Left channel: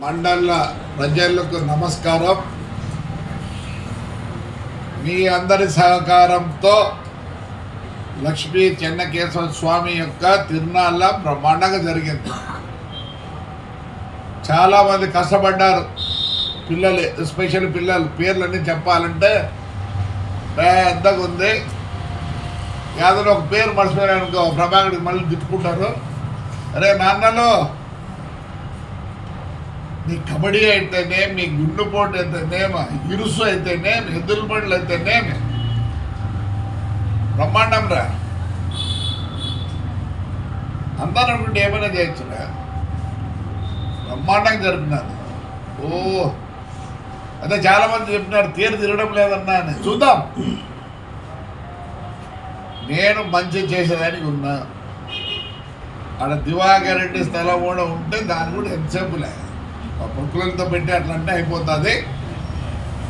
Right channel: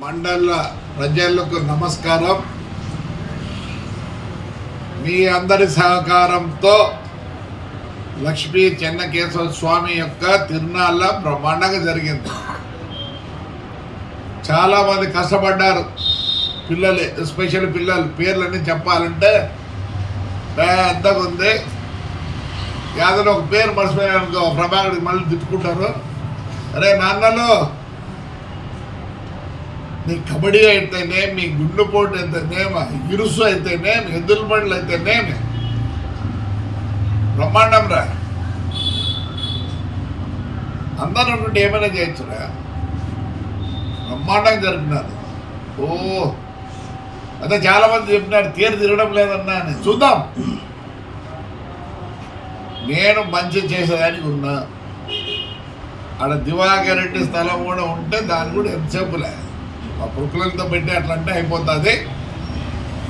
మండల ప్రజలకు నమస్కారం. మీ అందరి సహకారంతో లక్ష్మీ చెన్నకేశవ స్వామి యొక్క తిరునాళ్ళ బ్రహ్మాండంగా జరిగింది. చాలామంది కష్టపడ్డారు. పిల్లలు ఎస్పెషల్ పిల్లలు పేర్లన్నీ చెప్పాలంటే పెద్దగా ఉంది. ఏదైనా ఒక పేరు మర్చిపోయాను అనుకో ప్రభాకర్కి మళ్ళీ తిట్టుకుంటారు. అరే నాన్నలు మీ కబడ్డీ అయితేనే మీ గుండెపోటు అయితేనేమి ఇరుసు అయితేనేమి ఎద్దుల బండ్లు అయితేనేమి బ్రహ్మాండం రా అందరూ అనుకుంటే ఏమైనా చేయొచ్చురా బ్రహ్మాండంగా జరిపినారు ఓ అదే చాలా మంది చెప్పినారు తీరు తిరగడం లేదన్నా అని చూద్దాం నేను మంచి చేసేదానికి ఉన్నా ఆడ దివాకర్ రెడ్డి స్థలం కూడా ఉంటే దాని కూడా ఎంతసేపులే ఆ పురుకులతో పెట్టి అట్లంటే అయిపోతుంది.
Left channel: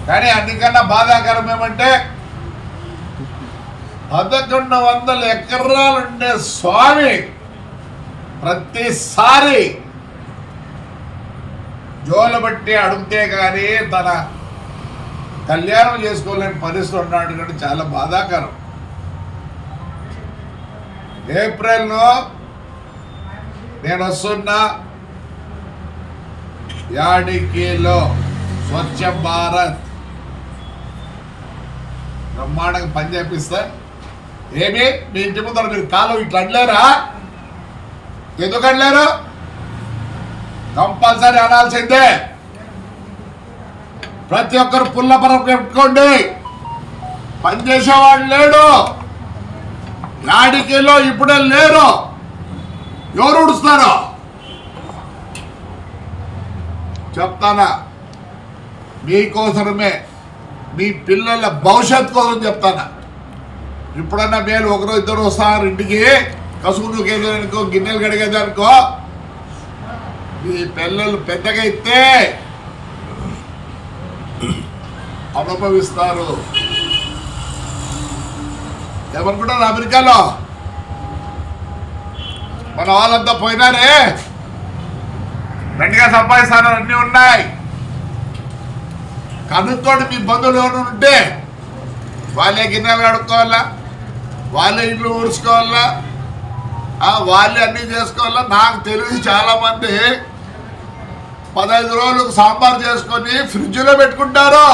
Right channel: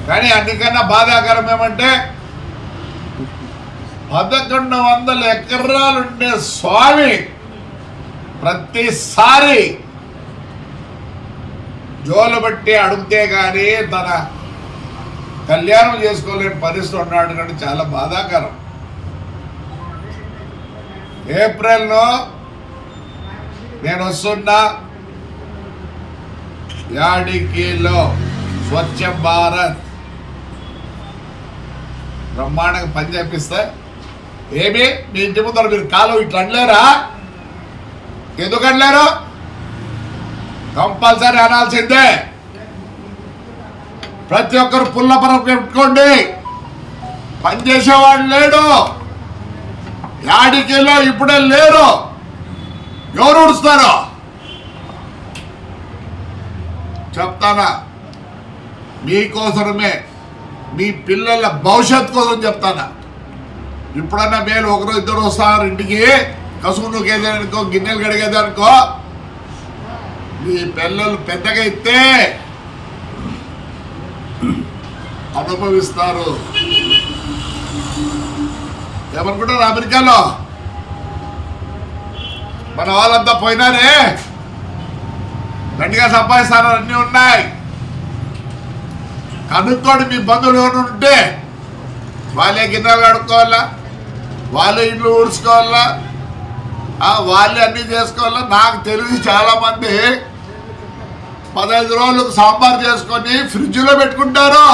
కానీ అందుకన్నా బాధాకరం ఏమంటే పదకొండు వందల ఎకరాలు ఉండే స్వామి ప్రతిసారి జోలు బట్టి అడిగితే కానీ తన కళ్యాణం చేసుకోలేని పరిస్థితి ఉన్నాడు కానీ చాలా బాధాకరం. ఏప్రిల్లో నేను వస్తున్నా యాడికీలో స్వచ్ఛ భారత్. బ్రహ్మాండంగా పని చేపిస్తే ఏమి? మీ ఇంటి ముందర మీరు కాలు ఇట్లా అనలేరా? ఎందుకు అనలేరు? కంపల్సరీ అనాల్సిందే. ప్రతి ఒక్కరు పుల్లపరం పెట్టుకోండి. పనిచేసేవాడు లేడు. యాడికిలో ఇప్పుడే లేరు. ఎవరు ఉడుస్తారు చెప్తానా? మీకోసమే మీ పిల్లల భవిష్యత్ కోసం చెప్తానా? ఇప్పుడన్నా మేలు ఒకరు ఇద్దరు వస్తారు ఇంటికి? కసుగుండు కేసేదనుకో గిన్నెలు కడిగేదనుకో? మీ పిల్లలు పెద్దగా అయితే అనుభవిస్తారు. ఏమనుకుంటారు అమెరికాలో? మన వాళ్ళంతా పోయినారే? గట్టిగా సంపాదిస్తాను అన్నీ ఉన్నాయి. కనుక్కోండి మీ బంధువులు ఉంటే వాళ్ళే గిన్నెలు కడుక్కోవాలా? వాళ్ళే ఇండ్లు ఊడ్చుకోవాలా? వాళ్ళే అన్నీ చేసుకోవాలా? నాకు తెలిసి చాలామంది పదహైదు రోజులకు సాంబార్ చేసుకొని ఫ్రిడ్జ్లో పెట్టుకుంటారు.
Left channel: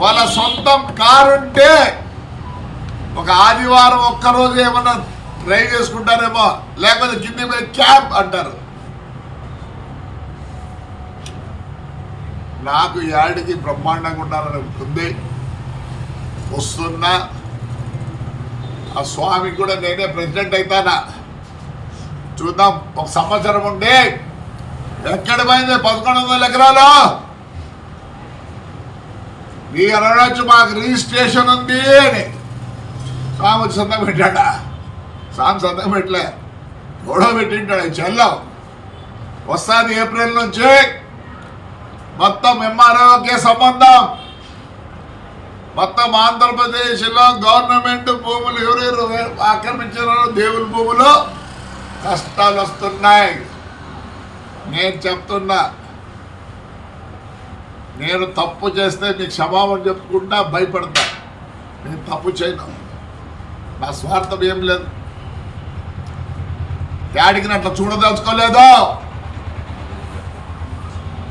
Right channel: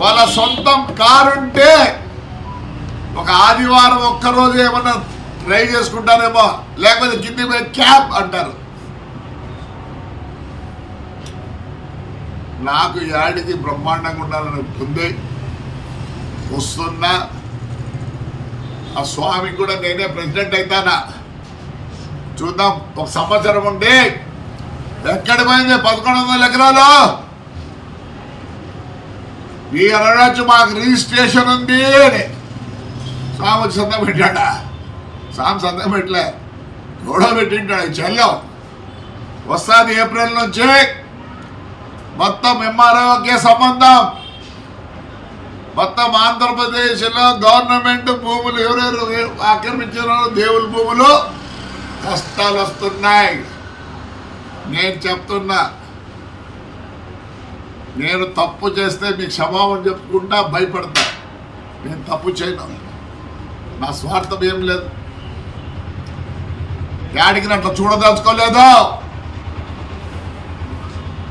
వాళ్ళ సొంతం కారు ఉంటే ఒక ఆదివారం ఒక్కరోజు ఏమన్నా ట్రై చేసుకుంటారేమో లేకపోతే కింది మీద క్యాబ్ అంటారు. నాకు యాడికి బ్రహ్మాండంగా ఉండాలని ఉంటుంది వస్తున్నా. ఆ స్వామికి కూడా నేనే ప్రెసిడెంట్ అవుతానా చూద్దాం. ఒక సంవత్సరం ఉండి ఎక్కడ పోయింది పదకొండు వందల ఎకరాలు? మీ అనడచ్చు మాకు రిజిస్ట్రేషన్ ఉంది అని. స్వామి వచ్చి సంతకం పెట్టాడా? స్వామి సంతకం పెట్టలే. గొడవ పెట్టింటాడు. చెల్లం. వస్తుంది ఏప్రిల్ నుంచి. మొత్తం ఎంఆర్ఓకే సంబంధం. మొత్తం ఆంధ్రప్రదేశ్లో గవర్నమెంట్ భూములు ఎవరెవరు ఆక్రమించిన దేవుల భూములు కష్టాలు వస్తున్నాయి. నేను చెప్తున్నా నేను తప్పు చేస్తే మీకు క్షమాపణ చెప్పుకుంటా భయపడతా. నేను తప్పు చేయను. నా స్వార్థం ఏం లేదు. డాడీకి అట్లా చూడదలుచుకోలేదు.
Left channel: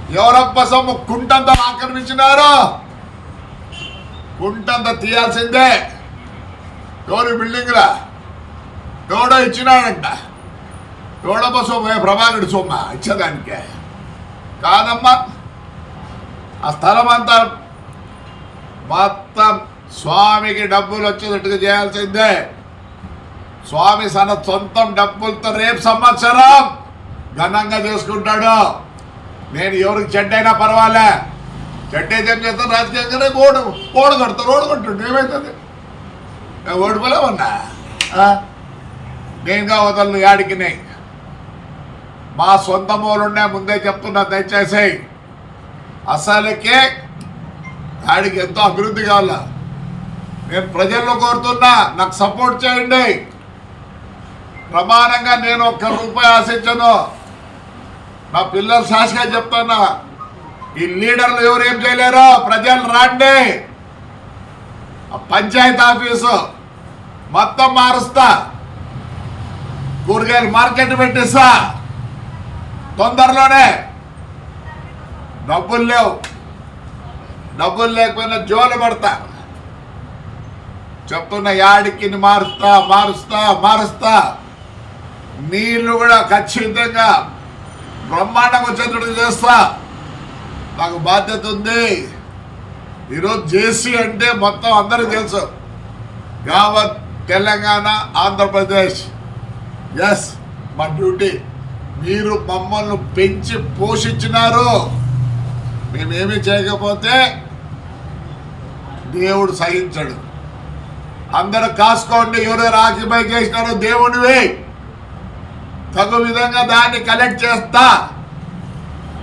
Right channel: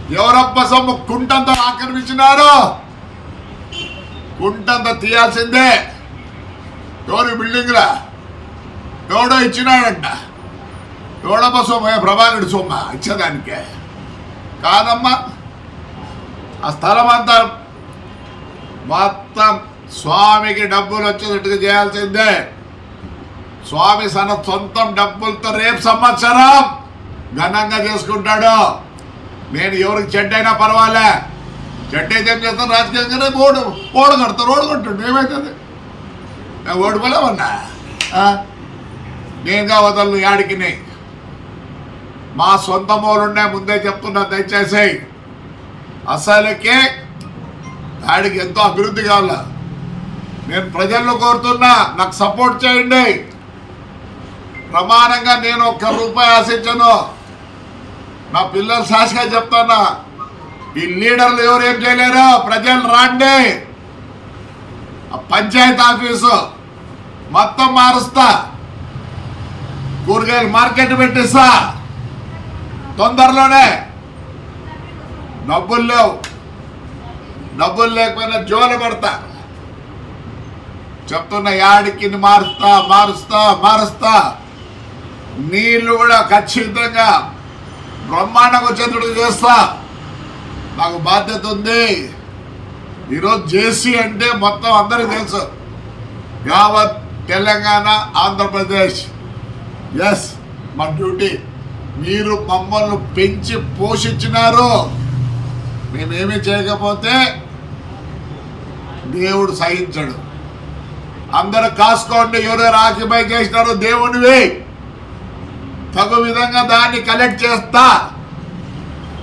ఎవరప్ప సొమ్ము? కుంటంతా ఆక్రమించినారు. కుంటంతా తీయాల్సిందే. ఎవరు బిల్డింగ్లా ఎవడో ఇచ్చినాడంట. ఎవడప్ప సొమ్ము? ఏ ప్రభాకరుడి సొమ్మ? ఇచ్చేదానికే. కాదమ్మా. ఆ స్థలం అంతా మొత్తం స్వామికి డబ్బులు వచ్చేటట్టుగా చేయాల్సిందే. స్వామి తన సొంతం డబ్బులతో రేపు సంవత్సరం ఘనంగా చేసుకుంటాడు. నేను ఎవరికి చెడ్డైనా పర్వాలే. చెడ్డే ఏం చేస్తాను రాజకీయంగానే ఓడు ఓడు కడతారు ఓడు కట్టుండు ఏమవుతుంది నేను ఓడిపోలేమన్నా? ఆ? నేనుగా వదలను యాడికినే మా సొంత మూలుండే ముందే చెప్తున్నా దయచేసి. అసలుకే ఆడికి ఎంతో అభివృద్ధి కావాల? నేను ప్రజల్లో కోరుతున్నా నాకు సపోర్ట్ చేయండి. ప్రమాణంగా నేను ఒక్క రూపాయి ఆశించను. నా పిల్లలు సాక్షిగా చెప్తానా ఈ లీడర్లు ఎవరు ఏం చేయలేరు? ప్రజలు రాండి. పంచాయతీ ఆఫీసు మొత్తం మారుస్తా. కూరగాయలు మార్కెట్ పెట్టిస్తా. తొందరలోనే డబ్బులు లేవు. డబ్బులు లేకపోయినా జోలు పడతా. చెప్తున్న యాడికి మారుస్తా మారుస్తా మారుస్తా. నీళ్ళు కూడా ఖచ్చితంగా బ్రహ్మాండంగా వచ్చేటట్టు చేస్తా. నాకు బాధ్యత ఉంది. ఈరోజు జేసీ అంటే మొత్తం అందరికీ తెలుసు. యావత్ తెలంగాణ ఆంధ్రప్రదేశ్. ఎస్ మా డ్యూటీ. మీరు మమ్మల్ని పెంచి పోషించినారు. మేమేమి చేయకపోతే దేవుడు సహించడు. అందరూ కాసుకోండి ఎవరెవరు ఆక్యుపై చేసినారు దేవుడివే తగు విధంగా దాన్ని కలెక్ట్ చేస్తా.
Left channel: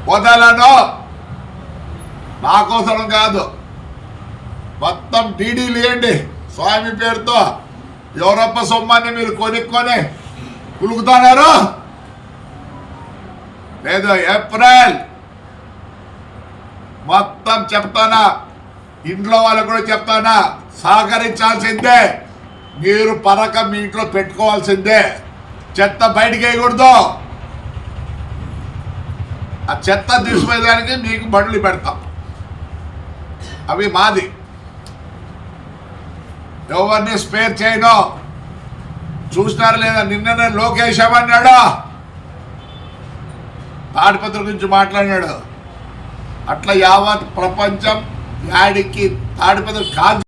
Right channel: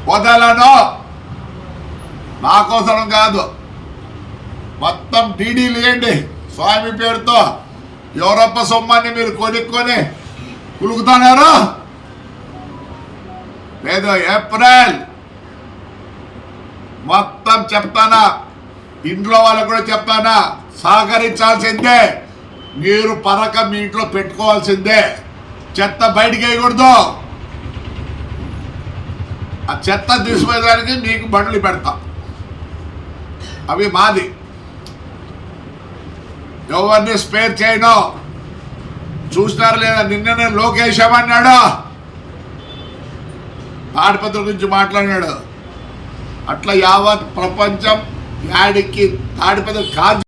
వదలను. నా కోసం కాదు. మొత్తం టీడీలు ఇవ్వండి స్వామి పేరుతో యూరప్ప సొమ్మాన్ని మీరు కొనుక్కొని కులుకుతున్నారు. లేదు ఏప్రిల్. మొత్తం చెప్తానా. ఇంట్లో వాళ్ళకు కూడా చెప్తానా. సహకరించాల్సిందే. మీరు పరక మీ ఇంట్లో పెట్టుకోవాల్సిందే. చెత్త బయటికి వేయకూడదు. ఆ చెత్త తీసిపోయేదానికి మీకు బండ్లు పెడతాం. అవి మాది. ఎవరిని స్పేర్ చేయడం చూసినారు లేదా? నిన్ననే లోకేష్ ఏమన్నాడు? తాడిపత్రి గురించి మాట్లాడినాడు. అట్లా యావత్ ప్రపంచం యాడికి తాడిపత్రి కాదు.